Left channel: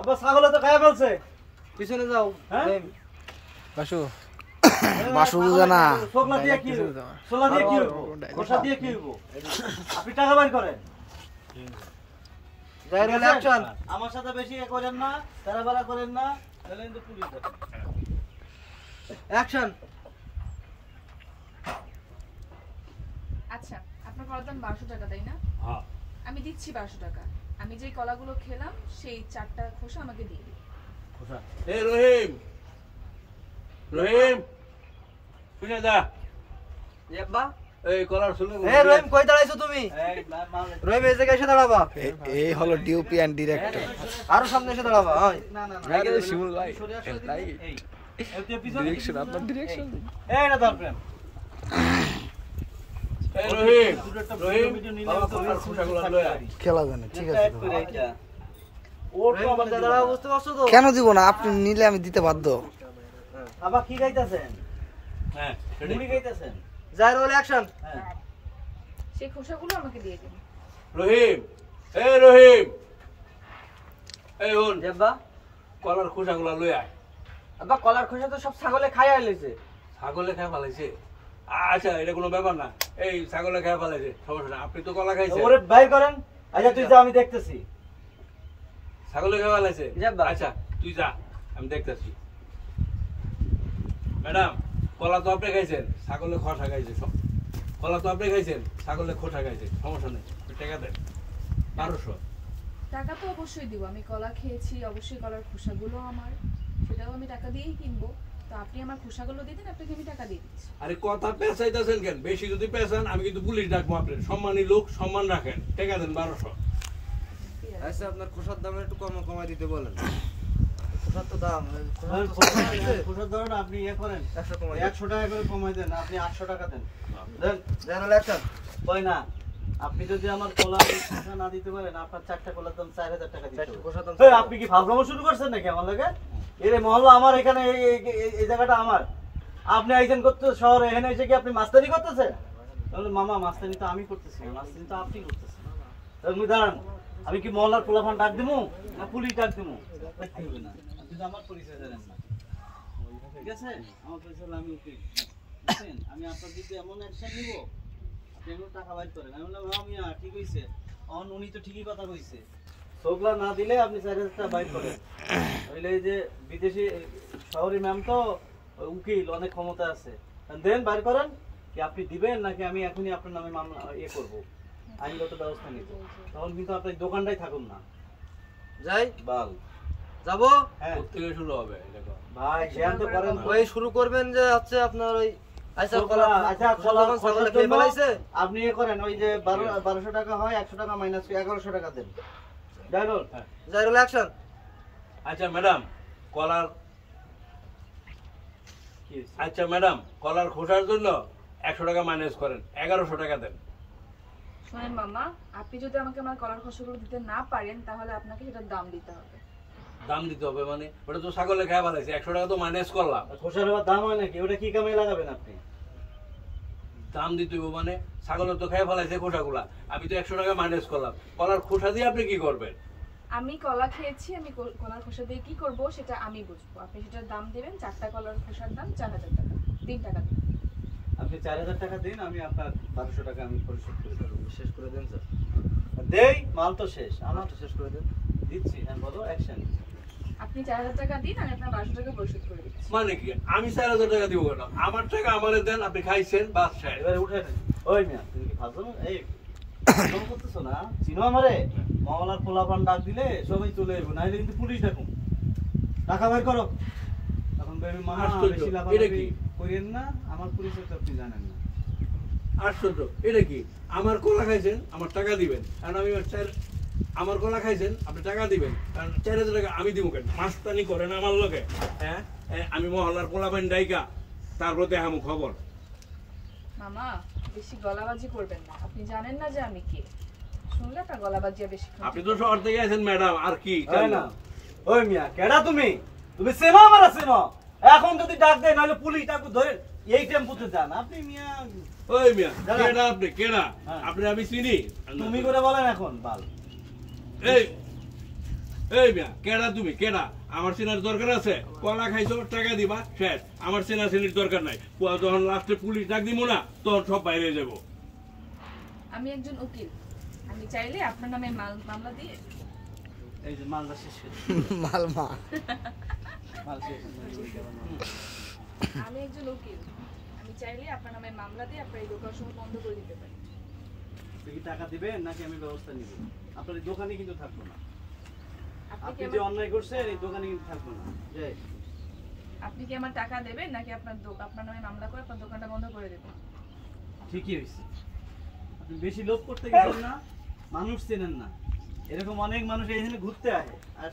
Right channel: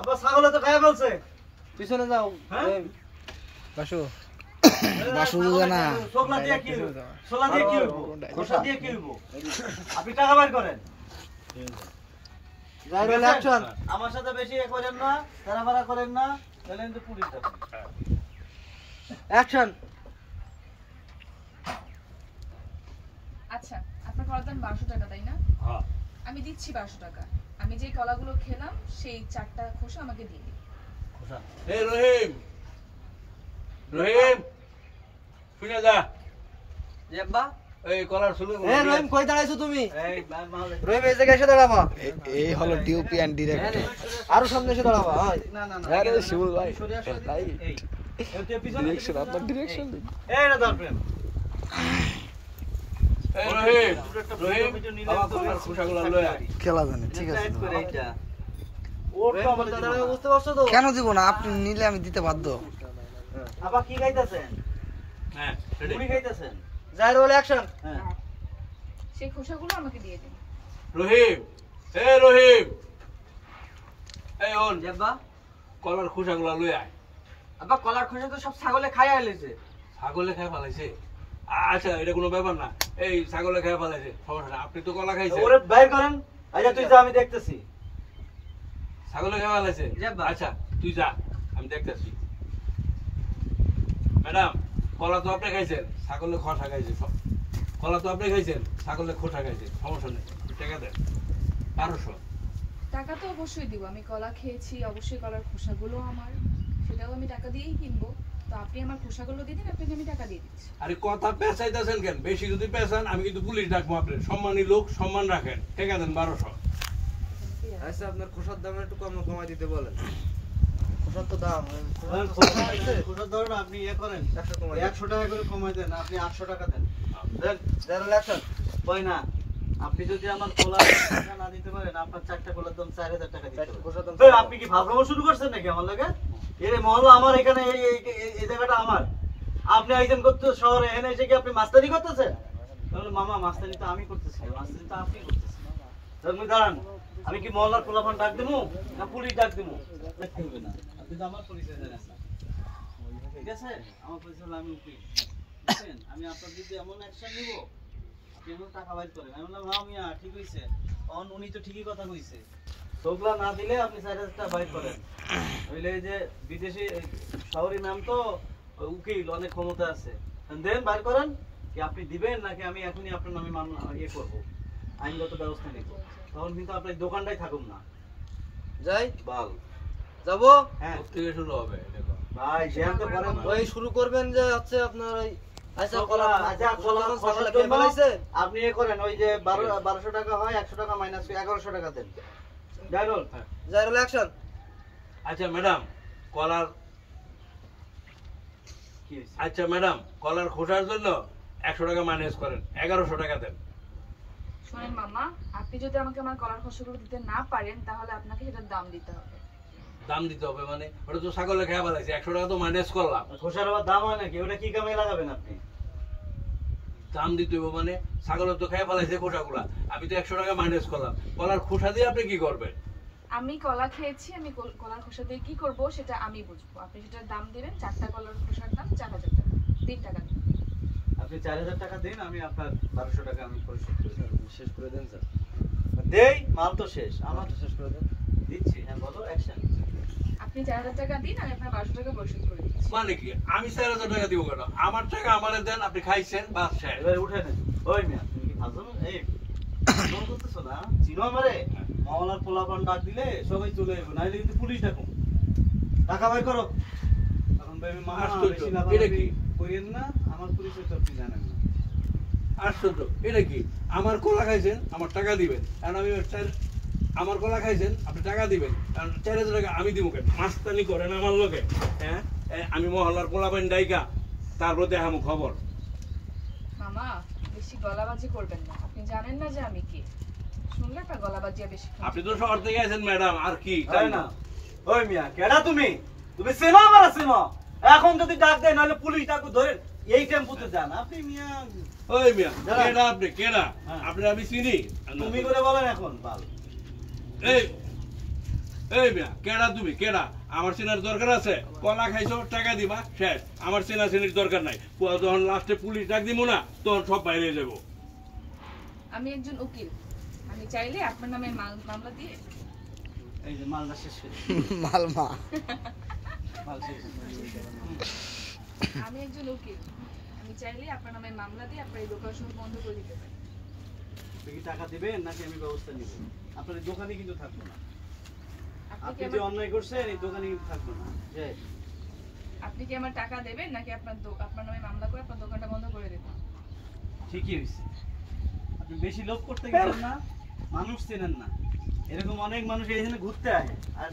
আব্বা ছাগলে তো খায় ফেলছে। পিছনে যাও। হ্যাঁ বাসু বাসু বুঝে না। সোগলা দিয়ে কি সোগলা দিয়ে কি হইব? খোসা দিয়ে কি হইব? আপনি টাকা বের করেন। জাইরুল অ্যাকশন। আমার সাথে বেশি এ করেন না, তাড়াহুড়া করেন না, তাহলে কিন্তু পুলিশ যাবে। অ্যাকশন। আচ্ছা, আপনার কলার দাম 1200 টাকা তাই না? হ্যাঁ। আমি দিচ্ছি 1200 টাকা। আমি যেই কলাগুলো খেলাম সেই 4টা খোসা আমাকে দিয়ে দিন। খোসা। এই রহিম রহিম শুনে যা আব্বা এই কলার শুরু এই রহিম কই দাঁড়াইছো তুমি? এই মাল রহিম এই জায়গায় এসে দাঁড়াবা। এই হলো ডিউপি এন্ড ডিরেক্টর। আরো সামনে এসে দাঁড়াবা। হ্যাঁ না না না। আরে শিমুল ভাই লাইট এই এতে পিছনে ডিরেকশন আপনার ডিরেকশন দিন। এই এটা দাও প্রেম। এই রহিম রহিম আমার কলার খোসাগুলো লয়ে আয় খেলা জানে ঠিক আছে এক করে এইটা। ওর তো আমাদের দাঁড়াও বুঝতে পারছো তো? কেন দিব না আপনি নিলে আমি দিতে বাধ্য আবার কি গাইতাছেন? হ্যাঁ মুড়ি গাইতাছেন? জাইরুল অ্যাকশন। হ্যাঁ। সেই খোসাগুলো আমাকে দিয়ে দিন। রহিম এই রহিম এই ওন আব্বা কলার খোসাগুলো লয়ে আয় আব্বা কলার খোসা তো সব ছাগলে খাইয়া লইছে। ছাগলে খায় ফেলাইছে আচ্ছা এটা কোনো ব্যাপার না এই ছাগলে খায় ফেলাইছে সমস্যা না আপনি তো কলা খাইছেন ওরে বাইর করেন। আচ্ছা তুই যা আমি দেখতেছি। ছাগলে খায় ফেলাইছে যাবা। আচ্ছা তুই যা আমি দেখতেছি ম্যাডাম কলা তো আপনি খাইছেন ছাগলে খোসা খাইছে কলা তো আপনি খাইছেন ছাগলে খোসা খাইছে সমস্যা নেই আপনি টাকা দেন 1200 টাকা তো অবশ্যই দিব। আমি কলা খেয়েছি, অবশ্যই কলার খোসাগুলো আমার। সেটাও আমি টাকা দিয়েই কিনবো। তো আপনি আমার খোসাগুলো দিয়ে দিন, আপনাকে আমি টাকা দিয়ে দিচ্ছি। আরে কথা পেঁচাইতেছেন কেন বেশি যদি পেঁচান আমি কিন্তু পুলিশ ডাকবো আপনার সম্মানী লোক সম্মান রাখেন টাকা দেন 1200 আচ্ছা আপনার খোসার দাম একটু কমাই দিতে বলেন। খোসার তো দাম খোসার ধরুন আপনি ইয়ে করেন 100 টাকা করে কমাই দেন। আপনি 800 টাকা দেন। দেন জাইরুল অ্যাকশন। হয় না। আপনি যদি আমার কলা না দিতে পারেন আপনার 4টা কলার দাম 4000 টাকা দিতে হবে। খোসার দাম এই, আপনি কি ফালতু শুরু করছেন নাকি আমার লাগে? এর মহল্লা আমার এখানে এই জায়গাটা আমার। আপনি আইছেন করতে শহরে এখানে এসে কি আপনি মাস্তানি করতেছেন? তাহলে মামা মাস্তানি তো আমি করতেছি না, মাস্তানি তো আপনি করতেছেন। তুমি দাঁড়ান, আমি কি মহল্লার পোলাপান ডাক দিমু না পুলিশ ডাক দিমু? দেখতে হবে না, আপনি তো আমার পরিচয় জানেন না। ঠিক আছে, আমার পরিচয় হলো আমি উকিল। বুঝছেন? আমি আপনার দিকে এমন অ্যাকশন নিব আপনি এমন টাকা বাইর করেন। আমি বললাম হ্যাঁ মিয়া ঠিক হইছে, উনি তো ঠিকই কথা কইছে। সোগলা না দিলে আপনি 4000 টাকা বাইর করেন। হইলে এই যে বিদেশি শহরি ম্যাম তো উকিল, অনেক ক্ষমতা আছে। দেন বাইর করেন কি আপনি দিবেন নাকি আমি এখনই আপনার নামে মামলা ইয়ে করবো, আইনগত ব্যবস্থা নিব। তখন কিন্তু আপনার দোকানটাই থাকুন না। যাই বাল যাবো। হ্যাঁ থেকে শুরু হবে দেখো ভাই জানতে পারেন ওই শুরু করবেন যে হচ্ছে আপনার ওই আচ্ছা কলা আচ্ছা কলা কোন ছাগলে খেয়ে ফেলাইছে। আপনি এ করেন ওই যে 1200 টাকা হয় 100 টাকা মাইনাস 1100 টাকা দেন। জাইরুল জাইরুল অ্যাকশন। আচ্ছা ম্যাডাম কলার কি হইছে? আচ্ছা ম্যাডাম কলার খোসার জন্য 100 টাকা মাইনাস করেন 1100 টাকা দেন শুনেন মামা, আপনি যদি আমাকে আমার কলার খোসাগুলো দিতে না পারেন তাহলে আপনাকে সেটার দাম দিতে হবে। দাম দিতে হবে মানে ওটা তো ছাগলে খায় ফেলাইছে 100 টাকা তো মাইনাস করলাম খোসার আবার দাম হয় নাকি? ওটা কি কামে লাগাবেন আপনি? দাম দিতে হবে মানে ছাগলে তো খায় ফেলাইছে খোসাগুলা আমি তো 100 টাকা মাইনাস করলাম কলার খোসা দিয়ে আপনি কি করবেন আমি কলা খেয়েছি, আমি কলার খোসা দিয়ে কি করব সেটা আমি বুঝবো। আপনি সেটার দাম দিবেন, 4টা কলার খোসার দাম 4000 টাকা। 3 টাকা দিন। আপনি 4000 টাকা দিন, আমি আপনার 1200 টাকা আমি পরিশোধ করি। শেষ করে দেন স্যার। দেই মাল তো শেষ, আমার তো শেষ করে দেন। দিচ্ছি। হ্যাঁ বলো অ্যাকশন। আপনি 4000 টাকা দিন, আমি আপনার 1200 টাকা পরিশোধ করে দিচ্ছি। মানে কি আমি 4000 টাকা দিব কেন আমার টাকা আমারে দেন আপনি খাইছেন বাস শেষ এবারে উঠে নেন। ওই মিয়া তুমি কি ফাজলাম এই ফাজলাম করতেছো না? চিনো আমারে? মাওলার পোলাপান ডাক দিলে সবাই চলে যাবে, নাইলে কিন্তু পুলিশ ডাকুম। টাকা বাইর করো। তখন বলবি মামা আশ্চর্য, বেশি এটা লাফালাফি কি? কইরেন না, আমার পরিচয় তো আপনি জানেন না। আশ্চর্য এটা কি আমার কলা খাইছেন আমার টাকা দিবেন কারণ আমি আমার কলা খাইছেন আপনি টাকা দিবেন কারণ 4000 টাকা আমি দিব কেন মাস্তানি করেন আমার লোকে হ্যাঁ আমি মহল্লার পোলাপান ডাইকা তারপর দেখামু খবর মামা বেশি গলাবাজি করবেন না, আপনি জানেন না যে আমি কে। শুনলে আপনার গলাবাজি বেশি। আপনি তো শহর থেকে আছেন ম্যাডাম আর কি তাই না? ওই মিয়া কেডা তুমি? তুমি চেনো আমার চেনো? এখন যদি ডাক দেয় নাহলে পুলিশ ডাকু ধরে এই টেম্পুতে যান আপনি মিয়া। ওই মিয়া কেডা আপনি কেডা আপনি আমি চিনি তুমি করে বলেন এখন বাল। এই এই মিয়া কেডা তুমি কেডা? আমার চেনার দরকার আছে? কলা খাইছো টাকা দিবা শেষ, আমার চেনা চেনির দরকার নাই। যখন লাস্টে পুলিশ ডাক দিব না তখন সব বাইরে যাবো। আমি একজন উকিল, আমি চাইলে আপনার নামে মামলা দিয়ে এই যে মালদা শেষ হয়ে মালমা মাল শেষ আমি একজন উকিল, আমি চাইলে আপনার নামে মামলা দিয়ে আপনার এই দোকান সব বন্ধ করে দিতে পারি। আপনি কি টাকা দিবেন নাকি আমি ব্যবস্থা নিব? আপনার এই দোকানে কিন্তু থাকবো না। আপনি কি আপনি যে আমার অন্যায় করছেন এই দোকানে কিন্তু থাকবো না। জয়। আপনি কি আমার টাকা দেবেন নাকি আপনার নামে মামলা করে আপনার দোকানটা বন্ধ করে দেবেন? ঠিকই হয়েছে। আপনি বেশি লোভ করতে গেছেন না, মানুষ চেনেন না। এরকম অনেক মানুষ এইখানে ঘুরতে আসে আর